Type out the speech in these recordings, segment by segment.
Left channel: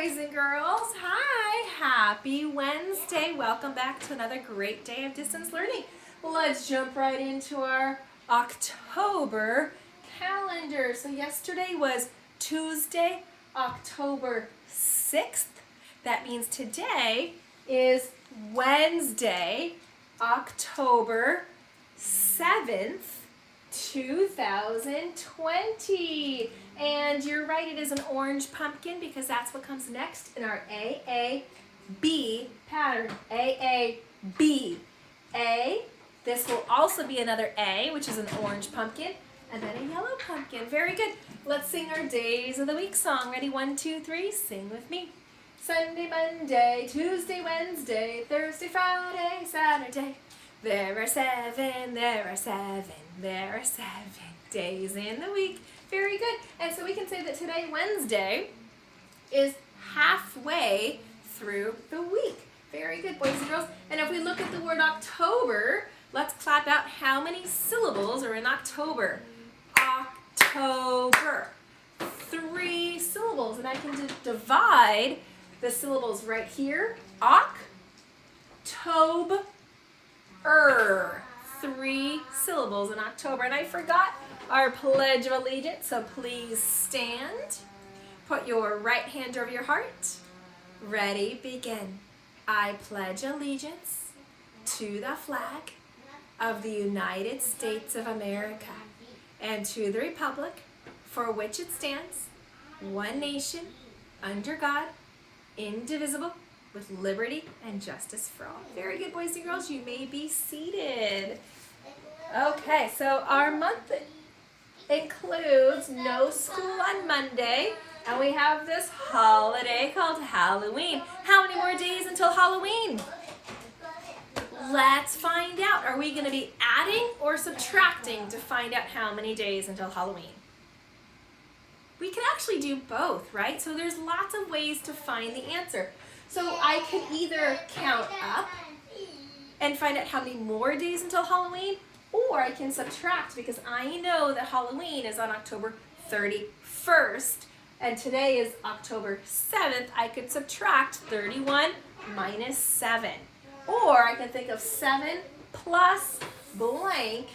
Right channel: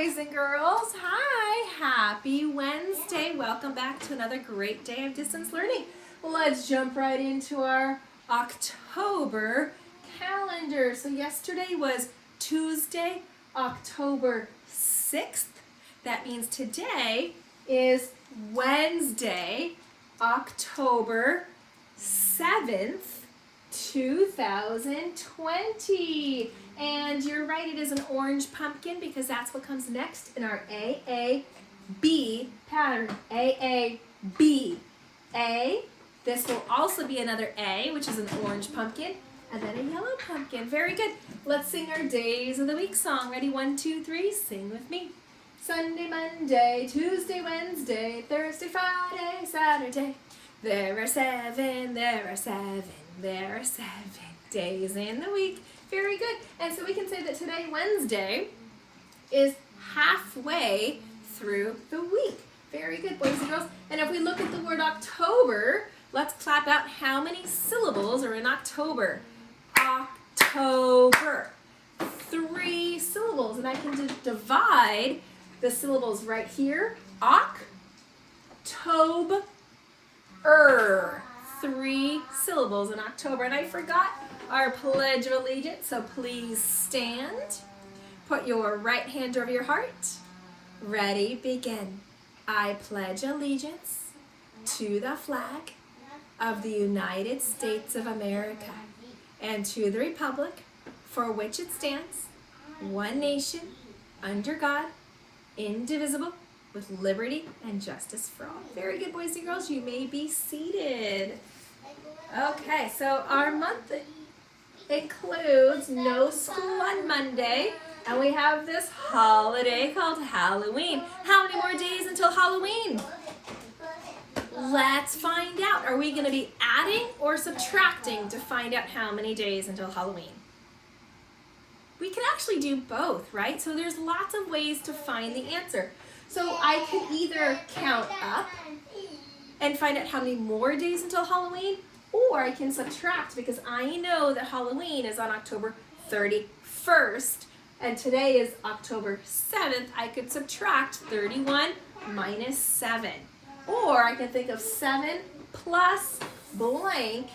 boys and girls. Hi, happy Wednesday. Welcome back to another great day of distance learning. Let's jump right into our October calendar. So yesterday was Tuesday, October 6th. That means today is Wednesday, October 7th, 2020. And you're right, it is an orange pumpkin because that's what comes next in our AAB pattern. AAB. A. This will also be another A, which is an orange pumpkin, and then a yellow pumpkin. Very good. Let's sing our Days of the Week song. Ready? 1, 2, 3. Sing with me. Sunday, Monday, Tuesday, Wednesday, Thursday, Friday, Saturday. There are 7 days in the week. Very good. And so we can say that today, Wednesday, is halfway through the week. Very good, boys and girls. And if we look at the word October, let's clap out how many syllables are in October. October. 3 syllables. And I can divide the syllables right here. October. 3 syllables in October. And I forgot our Pledge of Allegiance, so please stand. Put your right hand over your heart. Ready, begin. I pledge allegiance to the flag of the United States of America and to the republic for which it stands, one nation, under God, indivisible, with liberty and justice for all. Very good, boys and girls. You may be seated. Okay, so our month includes no school on Monday, and we have this holiday called Halloween. How many more days until Halloween? Let's find out. Are we going to be adding or subtracting to find out how many days until Halloween? We can actually do both, right? So there's lots of ways to find the answer. So I could either count up and find out how many more days until Halloween, or I can subtract because I know that Halloween is on October 31st and today is October 7th. I could subtract 31 minus 7. Or I can think of 7 plus blank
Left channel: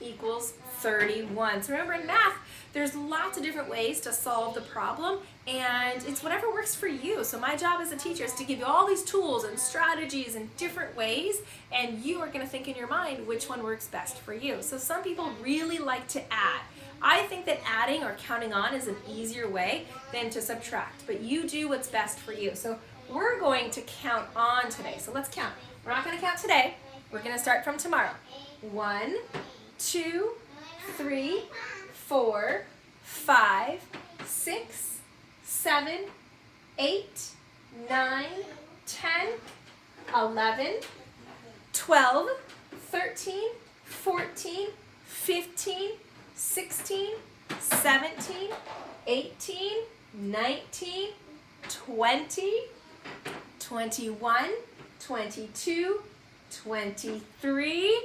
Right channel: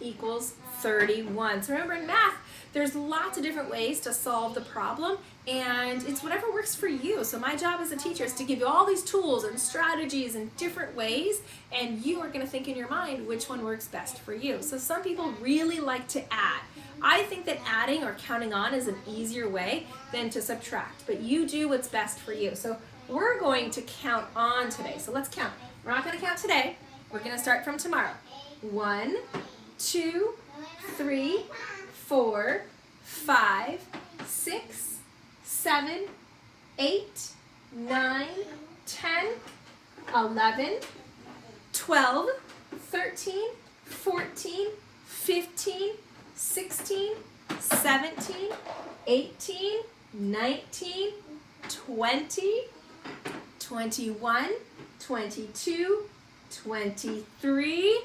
equals 31. So remember, in math, there's lots of different ways to solve the problem, and it's whatever works for you. So my job as a teacher is to give you all these tools and strategies and different ways, and you are going to think in your mind which one works best for you. So some people really like to add. I think that adding or counting on is an easier way than to subtract, but you do what's best for you. So we're going to count on today. So let's count. We're not going to count today. We're going to start from tomorrow. 1, 2, 3, 4, 5, 6, 7, 8, 9, 10, 11, 12, 13, 14, 15, 16, 17, 18, 19, 20, 21, 22, 23,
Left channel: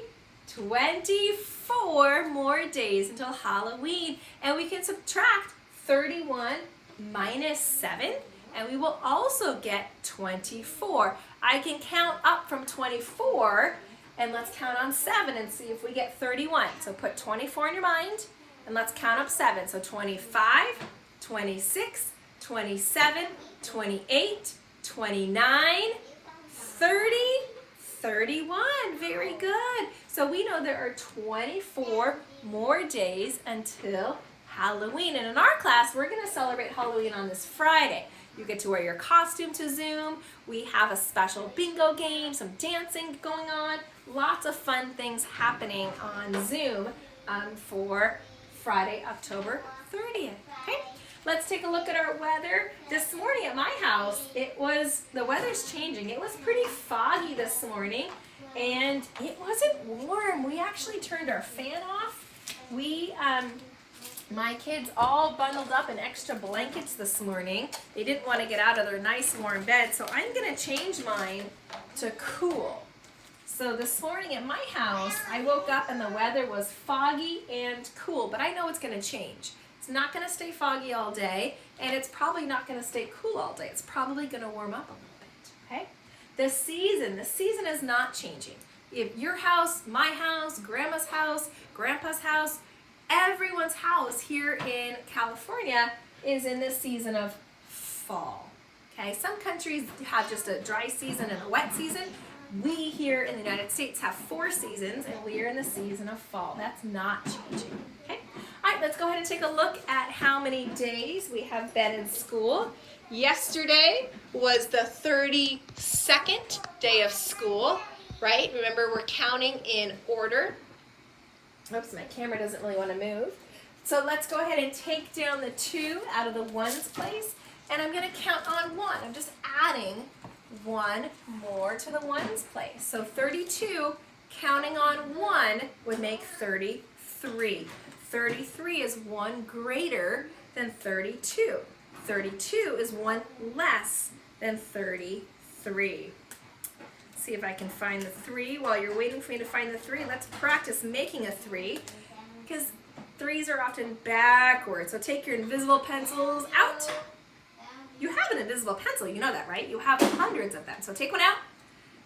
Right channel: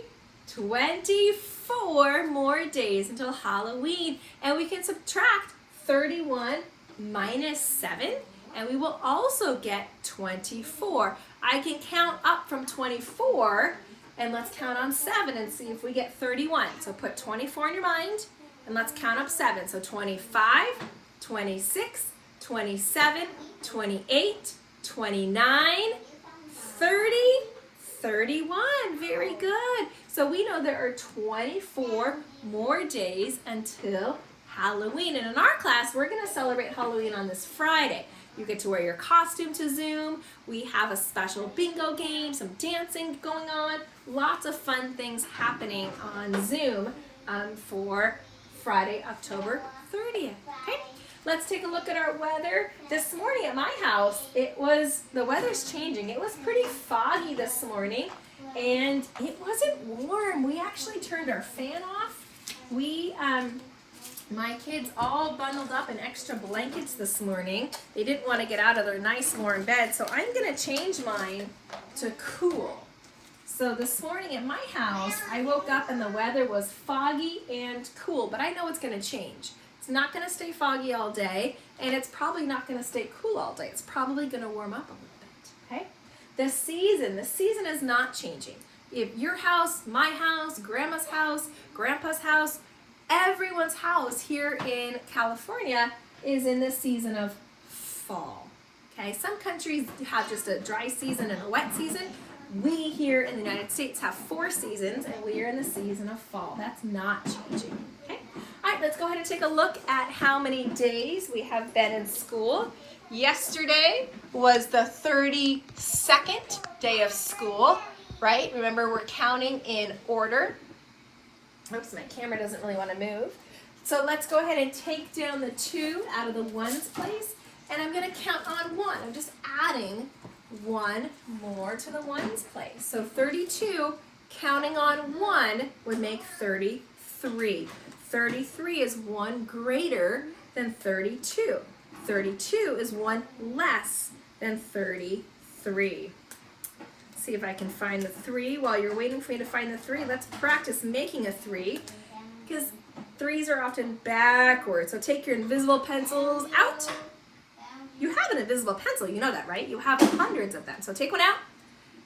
24 more days until Halloween. And we can subtract 31 minus 7, and we will also get 24. I can count up from 24, and let's count on 7 and see if we get 31. So put 24 in your mind, and let's count up 7. So 25, 26, 27, 28, 29, 30, 31. Very good. So we know there are 24 more days until Halloween. And in our class, we're going to celebrate Halloween on this Friday. You get to wear your costume to Zoom. We have a special bingo game, some dancing going on. Lots of fun things happening on Zoom for Friday, October 30th. Okay? Let's take a look at our weather. This morning at my house, the weather's changing. It was pretty foggy this morning, and it wasn't warm. We actually turned our fan off. My kids all bundled up in extra blankets this morning. They didn't want to get out of their nice warm bed, so I'm going to change mine to cool. So this morning at my house, I woke up and the weather was foggy and cool, but I know it's going to change. It's not going to stay foggy all day, and it's probably not going to stay cool all day. It's probably going to warm up a little bit, okay? The season is not changing. If your house, my house, grandma's house, grandpa's house, everyone's house here in California is in this season of fall, okay? Some countries have just a dry season and a wet season. We here in the United States have 4 seasons, and we are in the season of fall. That's not changing, okay? All right, let's go ahead and take a look at how many days we have been in school. Yesterday was the 32nd day of school, right? Remember, we're counting in order. Oh, so my camera doesn't really want to move. So let's go ahead and take down the 2 out of the ones place, and I'm going to count on 1. I'm just adding 1 more to the ones place. So 32, counting on 1 would make 33. 33 is 1 greater than 32. 32 is 1 less than 33. See if I can find the 3. While you're waiting for me to find the 3, let's practice making a 3, because 3s are often backwards. So take your invisible pencils out. You have an invisible pencil, you know that, right? You have hundreds of them. So take one out,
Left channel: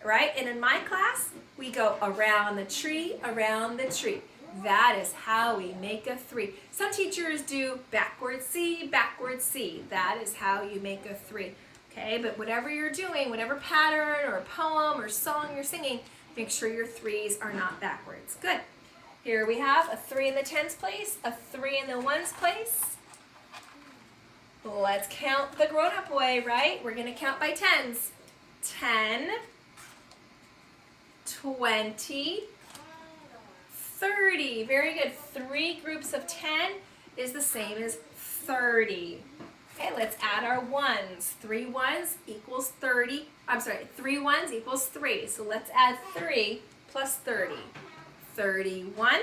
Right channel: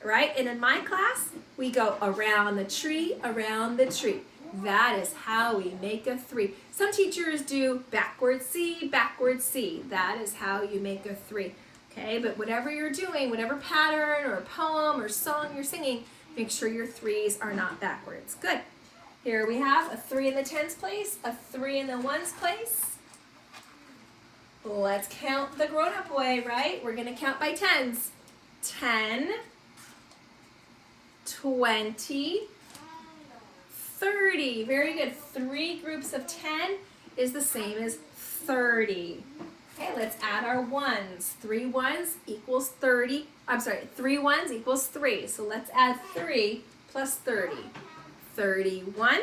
right? And in my class, we go around the tree, around the tree. That is how we make a 3. Some teachers do backward C, backward C. That is how you make a 3. Okay, but whatever you're doing, whatever pattern or poem or song you're singing, make sure your 3s are not backwards. Good. Here we have a 3 in the tens place, a 3 in the ones place. Let's count the grown-up way, right? We're going to count by tens. 10, 20, 30. Very good. 3 groups of 10 is the same as 30. Okay, let's add our ones. 3 ones equals 30. I'm sorry, 3 ones equals 3. So let's add 3 plus 30. 31,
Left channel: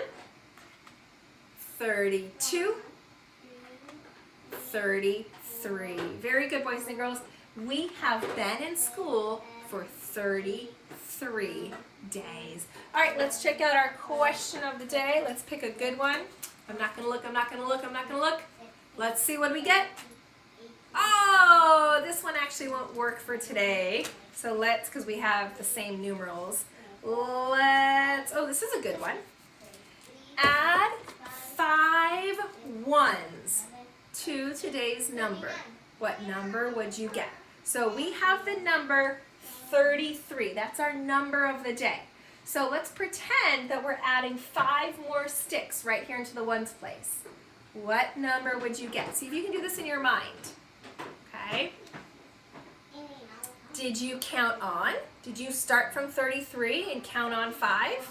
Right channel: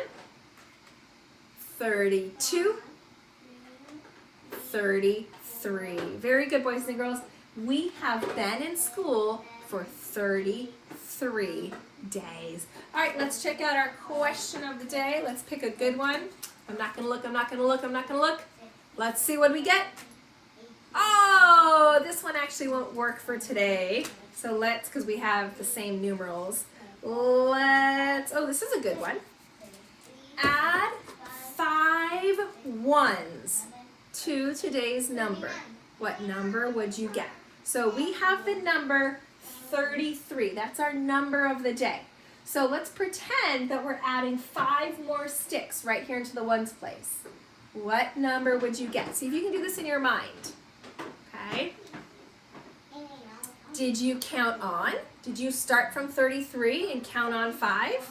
32, 33. Very good, boys and girls. We have been in school for 33 days. All right, let's check out our question of the day. Let's pick a good one. I'm not gonna look, I'm not gonna look, I'm not gonna look. Let's see what we get. Oh, this one actually won't work for today. So let's, because we have the same numerals. Oh, this is a good one. Add 5 ones to today's number. What number would you get? So we have the number 33. That's our number of the day. So let's pretend that we're adding 5 more sticks right here into the ones place. What number would you get? See if you can do this in your mind. Okay. Did you count on? Did you start from 33 and count on 5?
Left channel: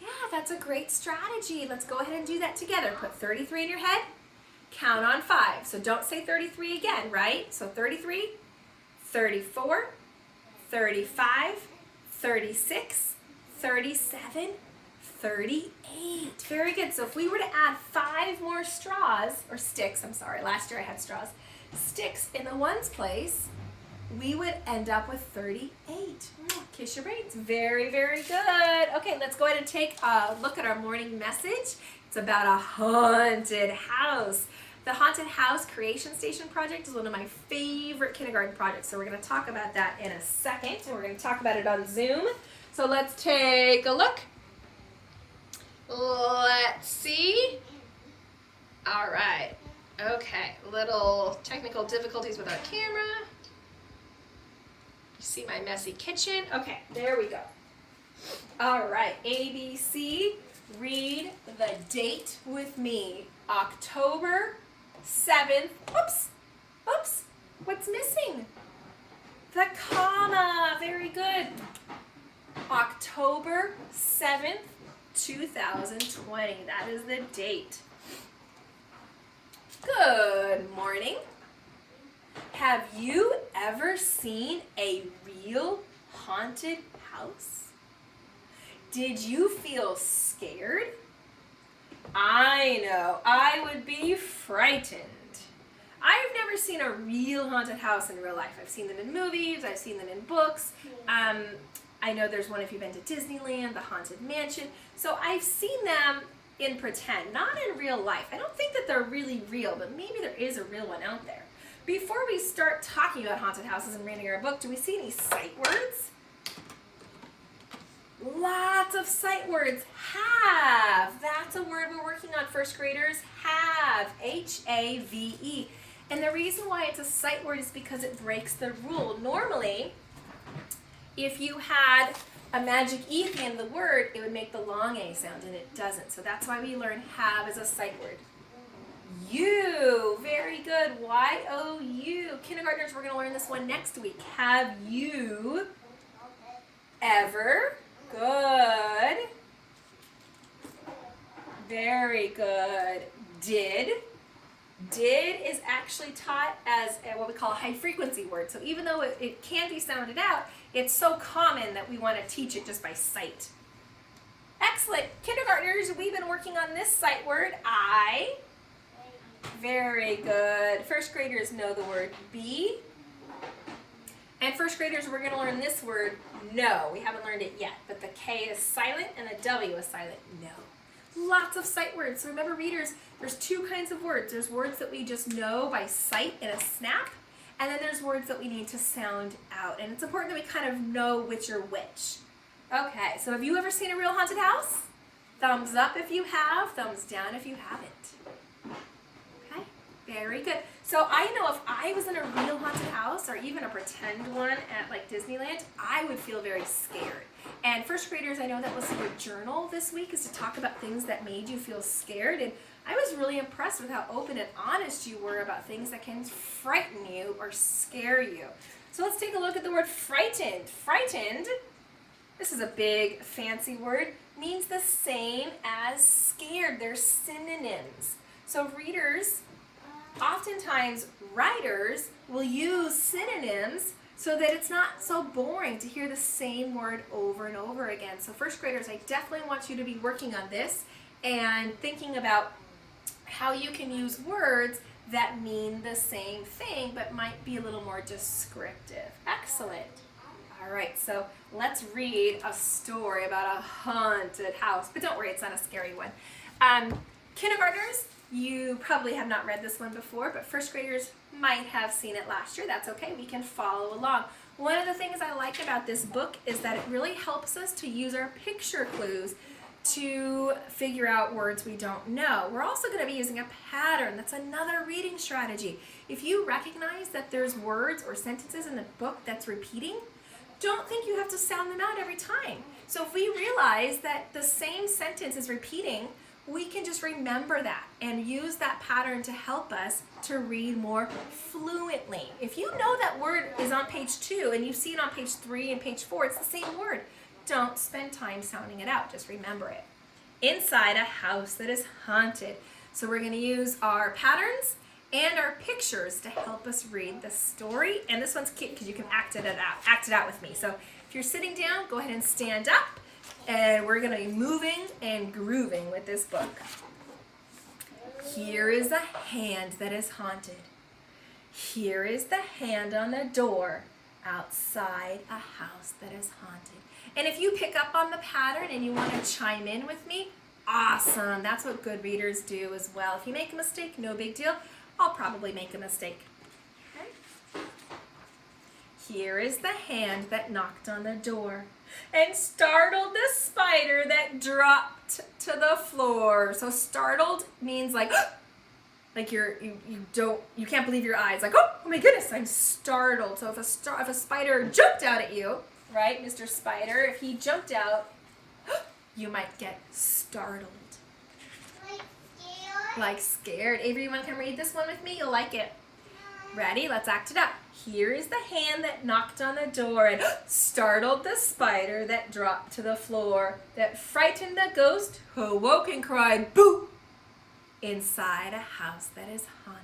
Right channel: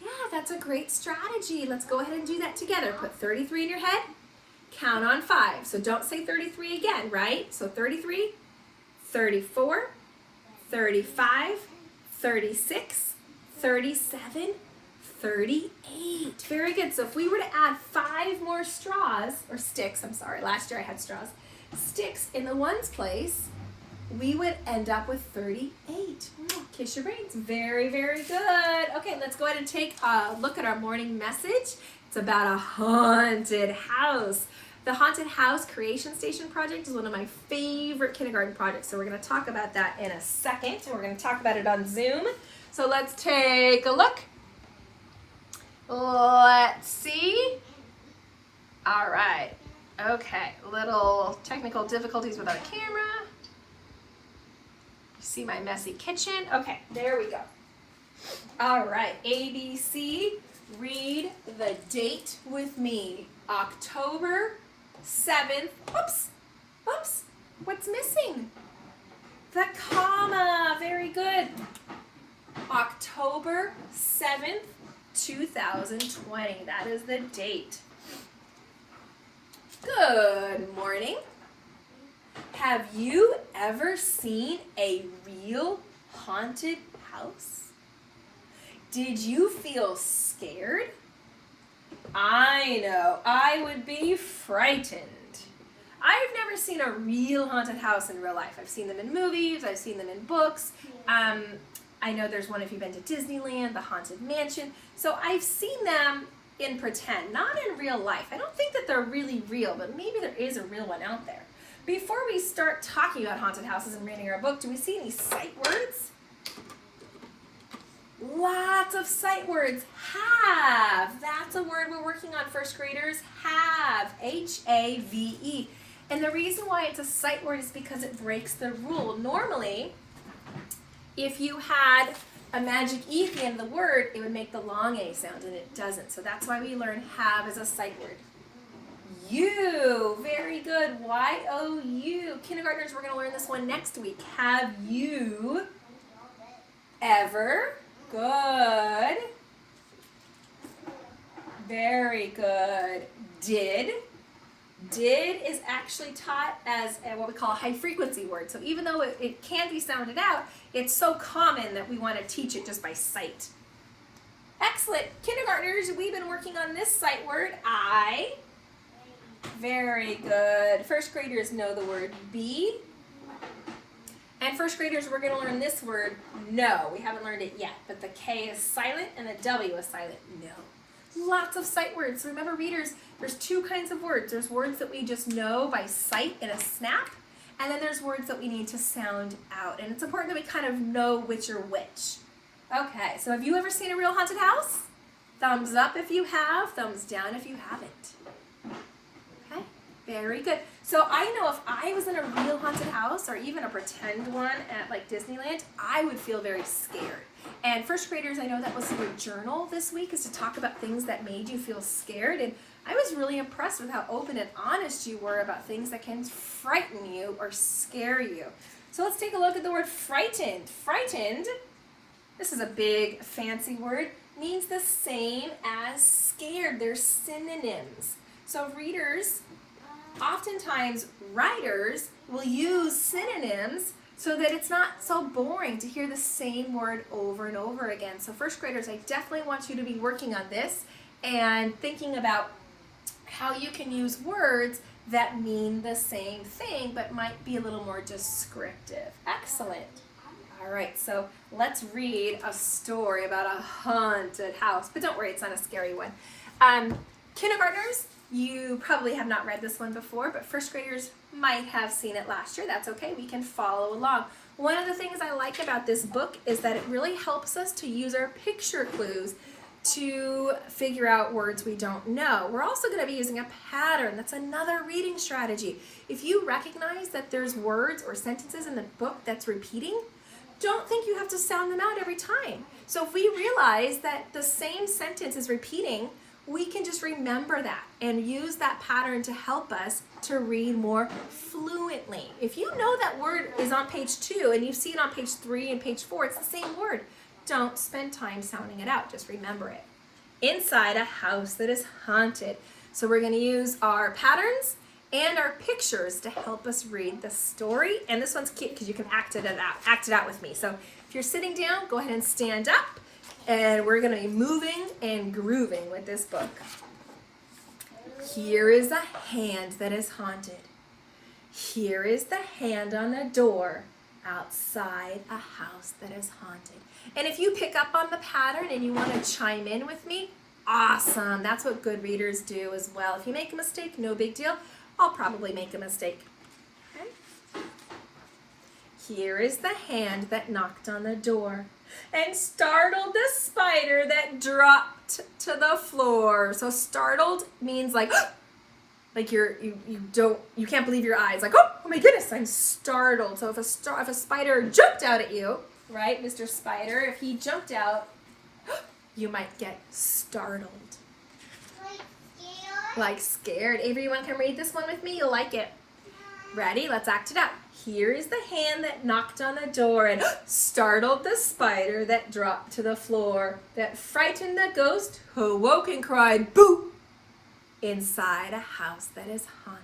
Yeah, that's a great strategy. Let's go ahead and do that together. Put 33 in your head, count on 5. So don't say 33 again, right? So 33, 34, 35, 36, 37, 38. Very good. So if we were to add 5 more straws, or sticks, I'm sorry, last year I had straws, sticks in the ones place, we would end up with 38. Kiss your brains. Very, very good. Okay, let's go ahead and take a look at our morning message. It's about a haunted house. The Haunted House Creation Station project is one of my favorite kindergarten projects. So we're going to talk about that in a second, and we're going to talk about it on Zoom. So let's take a look. Let's see. All right. Okay, little technical difficulties with our camera. You see my messy kitchen? Okay, there we go. All right, ABC, read the date with me. October 7th. Oops, what's missing? The comma, very good. October 7th, 2020, that is the date. Good morning. Have you ever seen a real haunted house? Did you feel scared? I know, I would be frightened. I've never seen a real haunted house in real life. I've seen them in movies, I've seen them in books. I know there's one if you've been to Disneyland, the Haunted Mansion. So I've seen them in pretend, not in real life. I don't think that they're really real, but maybe there is a real one out there. Before we start talking about haunted houses and reading our book, do we see any sight words? Lots of sight words. Have. That's a word we're working on, first graders. Have. H-A-V-E. And the reason why it's a sight word is because it breaks the rule. Normally, if you had a magic E at the end of the word, it would make the long A sound, and it doesn't. So that's why we learn have as a sight word. You. Very good. Y-O-U. Kindergartners, we're going to learn this one next week. Have you ever? Good. Very good. Did. Did is actually taught as what we call a high frequency word. So even though it can be sounded out, it's so common that we want to teach it just by sight. Excellent. Kindergartners, we've been working on this sight word, I. Very good. First graders know the word be. And first graders, we're going to learn this word, no. We haven't learned it yet, but the K is silent and the W is silent, no. Lots of sight words. Remember, readers, there's two kinds of words. There's words that we just know by sight in a snap, and then there's words that we need to sound out. And it's important that we kind of know which are which. Okay, so have you ever seen a real haunted house? Thumbs up if you have, thumbs down if you haven't. Okay, very good. So I know if I was in a real haunted house or even a pretend one at like Disneyland, I would feel very scared. And first graders, I know that was your journal this week, is to talk about things that made you feel scared. And I was really impressed with how open and honest you were about things that can frighten you or scare you. So let's take a look at the word frightened. Frightened, this is a big fancy word, means the same as scared. They're synonyms. So readers, oftentimes writers will use synonyms so that it's not so boring to hear the same word over and over again. So first graders, I definitely want you to be working on this and thinking about how you can use words that mean the same thing but might be a little more descriptive. Excellent. All right, so let's read a story about a haunted house. But don't worry, it's not a scary one. Kindergartners, you probably have not read this one before, but first graders might have seen it last year. That's okay, we can follow along. One of the things I like about this book is that it really helps us to use our picture clues to figure out words we don't know. We're also going to be using a pattern. That's another reading strategy. If you recognize that there's words or sentences in the book that's repeating, don't think you have to sound them out every time. So if we realize that the same sentence is repeating, we can just remember that and use that pattern to help us to read more fluently. If you know that word is on page 2 and you see it on page 3 and page 4, it's the same word. Don't spend time sounding it out, just remember it. Inside a house that is haunted. So we're going to use our patterns and our pictures to help us read the story. And this one's cute because you can act it out with me. So if you're sitting down, go ahead and stand up. And we're going to be moving and grooving with this book. Here is a hand that is haunted. Here is the hand on the door outside a house that is haunted. And if you pick up on the pattern and you want to chime in with me, awesome. That's what good readers do as well. If you make a mistake, no big deal. I'll probably make a mistake. Okay. Here is the hand that knocked on the door and startled the spider that dropped to the floor. So startled means like you can't believe your eyes. Like, oh my goodness, I'm startled. So if a spider jumped out at you, right, Mr. Spider, if he jumped out, you might get startled. Like scared. Avery, you want to come read this one with me? You'll like it. Ready? Let's act it out. Here is the hand that knocked on the door and startled the spider that dropped to the floor, that frightened the ghost who awoke and cried, boo, inside a house that is haunted.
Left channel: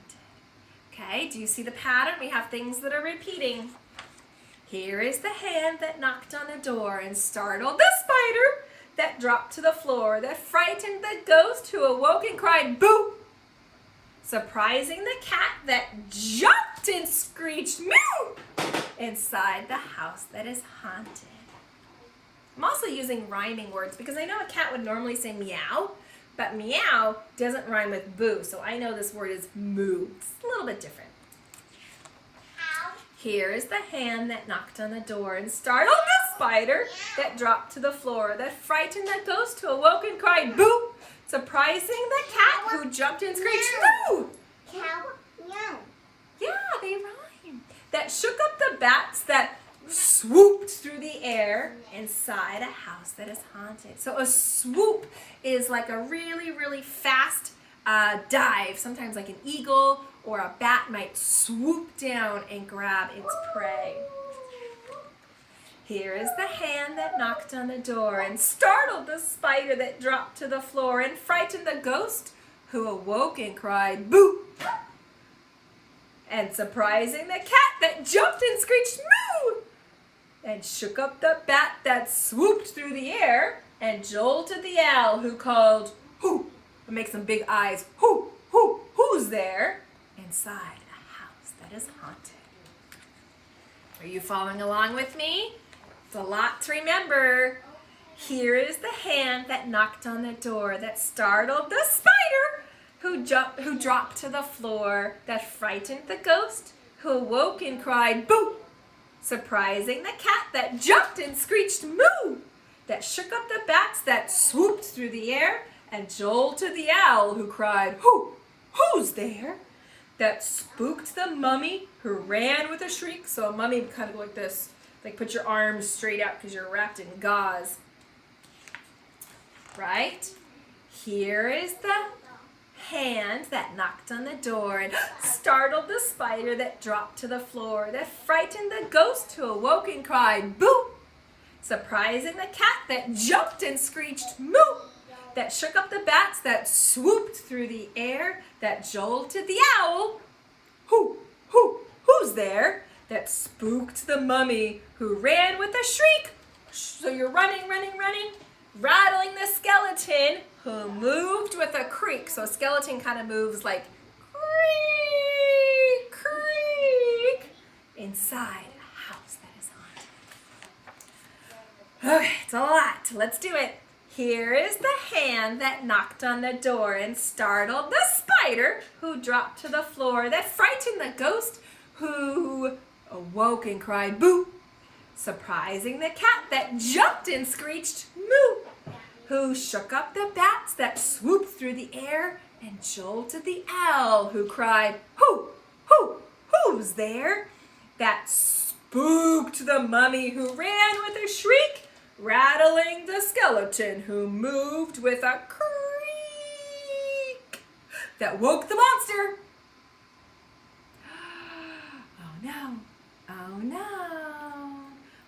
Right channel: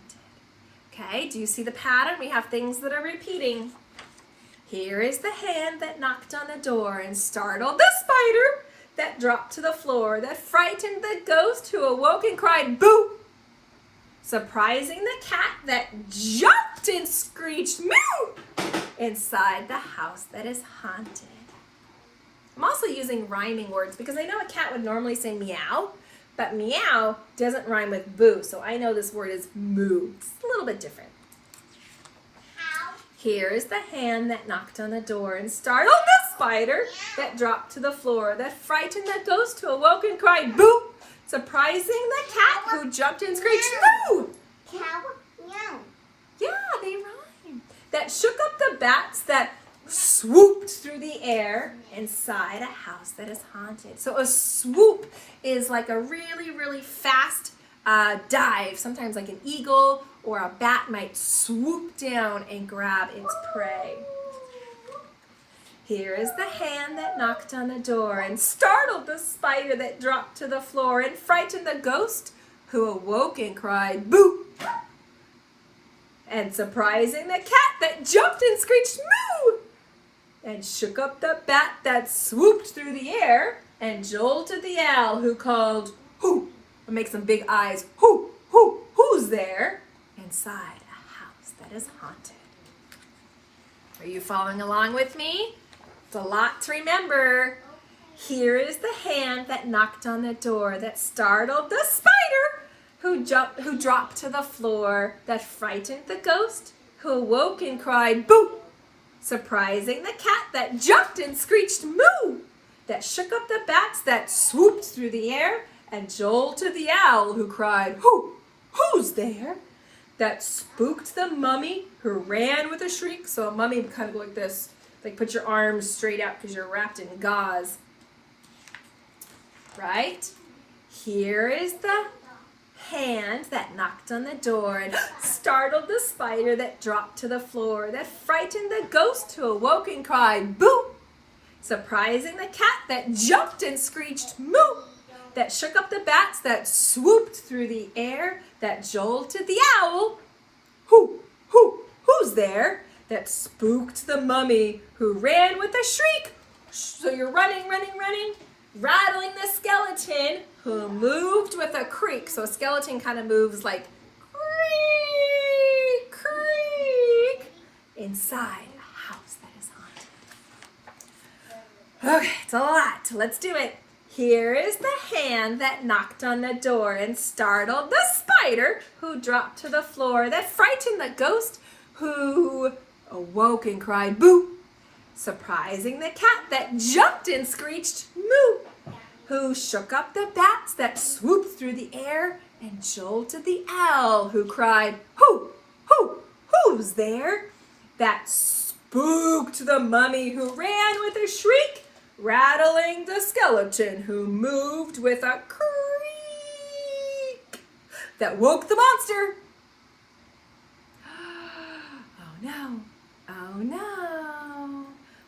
Okay, do you see the pattern? We have things that are repeating. Here is the hand that knocked on the door and startled the spider that dropped to the floor, that frightened the ghost who awoke and cried, boo, surprising the cat that jumped and screeched, meow, inside the house that is haunted. I'm also using rhyming words because I know a cat would normally say meow, but meow doesn't rhyme with boo, so I know this word is moo. It's a little bit different. Here is the hand that knocked on the door and startled the spider that dropped to the floor, that frightened the ghost who awoke and cried boo, surprising the cat who jumped and screeched moo. Yeah, they rhyme. That shook up the bats that swooped through the air inside a house that is haunted. So a swoop is like a really, really fast dive. Sometimes like an eagle or a bat might swoop down and grab its prey. Here is the hand that knocked on the door and startled the spider that dropped to the floor and frightened the ghost who awoke and cried boo. And surprising the cat that jumped and screeched moo. And shook up the bat that swooped through the air and jolted the owl who called hoo. And make some big eyes. Hoo, hoo, who's there? Inside a house that is haunted. Are you following along with me? It's a lot to remember. Here is the hand that knocked on the door that startled the spider who dropped to the floor, that frightened the ghost who awoke and cried boo, surprising the cat that jumped and screeched moo, that shook up the bats that swooped through the air and jolted the owl who cried hoo, who's there, that spooked the mummy who ran with a shriek. So a mummy would kind of go like this, like put your arms straight out because you're wrapped in gauze. Right? Here is the hand that knocked on the door and startled the spider that dropped to the floor, that frightened the ghost who awoke and cried boo, surprising the cat that jumped and screeched moo, that shook up the bats that swooped through the air, that jolted the owl hoo, hoo, who's there, that spooked the mummy who ran with a shriek. So you're running, rattling the skeleton who moved with a creak. So a skeleton kind of moves like creak, creak inside a house that is haunted. Okay, it's a lot. Let's do it. Here is the hand that knocked on the door and startled the spider who dropped to the floor, that frightened the ghost who awoke and cried boo, surprising the cat that jumped and screeched moo, who shook up the bats that swooped through the air and jolted the owl who cried hoo, hoo, who's there, that spooked the mummy who ran with a shriek, rattling the skeleton who moved with a creak, that woke the monster. Oh no, oh no.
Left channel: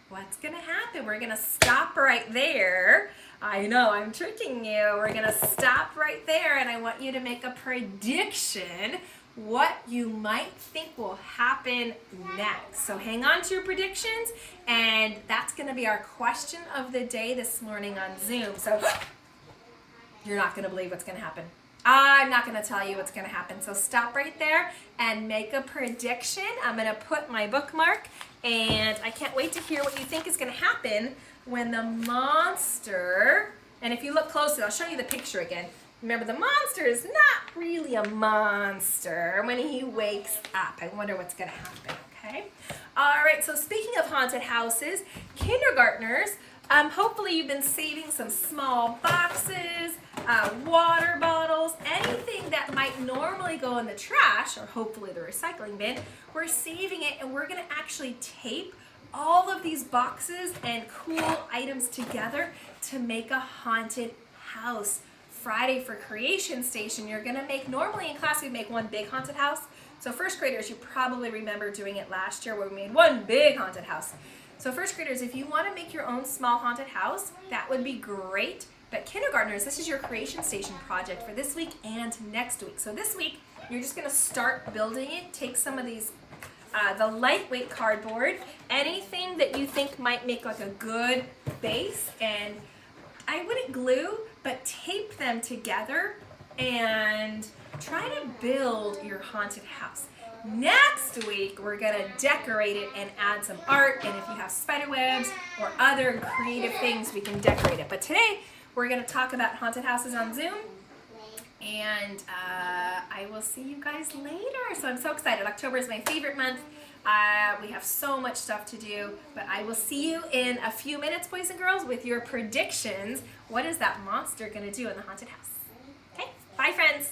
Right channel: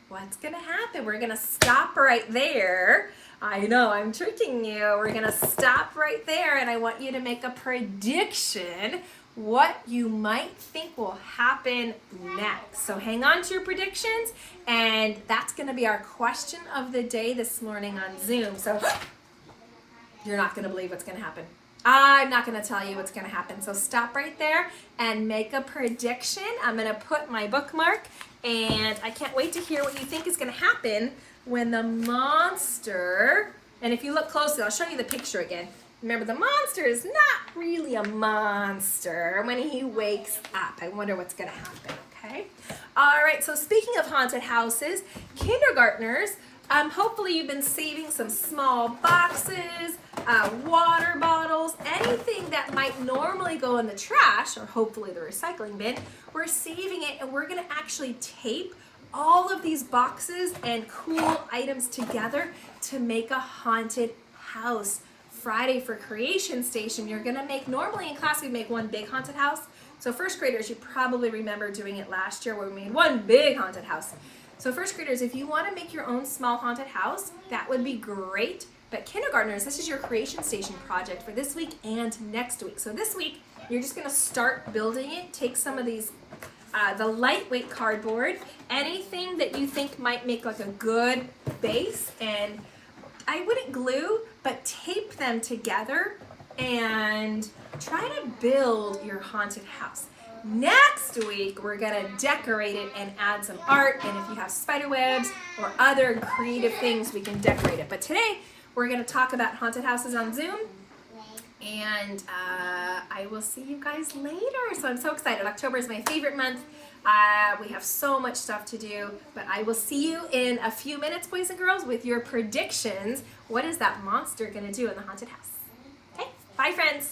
What's gonna happen? We're gonna stop right there. I know, I'm tricking you. We're gonna stop right there and I want you to make a prediction what you might think will happen next. So hang on to your predictions, and that's gonna be our question of the day this morning on Zoom. So you're not gonna believe what's gonna happen. I'm not gonna tell you what's gonna happen. So stop right there and make a prediction. I'm gonna put my bookmark, and I can't wait to hear what you think is gonna happen when the monster, and if you look closely, I'll show you the picture again. Remember, the monster is not really a monster when he wakes up. I wonder what's gonna happen, okay? All right, so speaking of haunted houses, kindergartners, hopefully you've been saving some small boxes, water bottles, anything that might normally go in the trash, or hopefully the recycling bin. We're saving it, and we're gonna actually tape all of these boxes and cool items together to make a haunted house. Friday for Creation Station, you're gonna make, normally in class we'd make one big haunted house. So first graders, you probably remember doing it last year where we made one big haunted house. So first graders, if you wanna make your own small haunted house, that would be great. But kindergartners, this is your Creation Station project for this week and next week. So this week, you're just gonna start building it. Take some of these, the lightweight cardboard, anything that you think might make like a good base, and I wouldn't glue, but tape them together and try to build your haunted house. Next week, we're gonna decorate it and add some art, and if you have spider webs or other creative things, we can decorate it. But today, we're gonna talk about haunted houses on Zoom, And I will see you guys later. So I'm so excited. October is my favorite month. We have so much stuff to do, but I will see you in a few minutes, boys and girls, with your predictions. What is that monster gonna do in the haunted house? Okay, bye friends.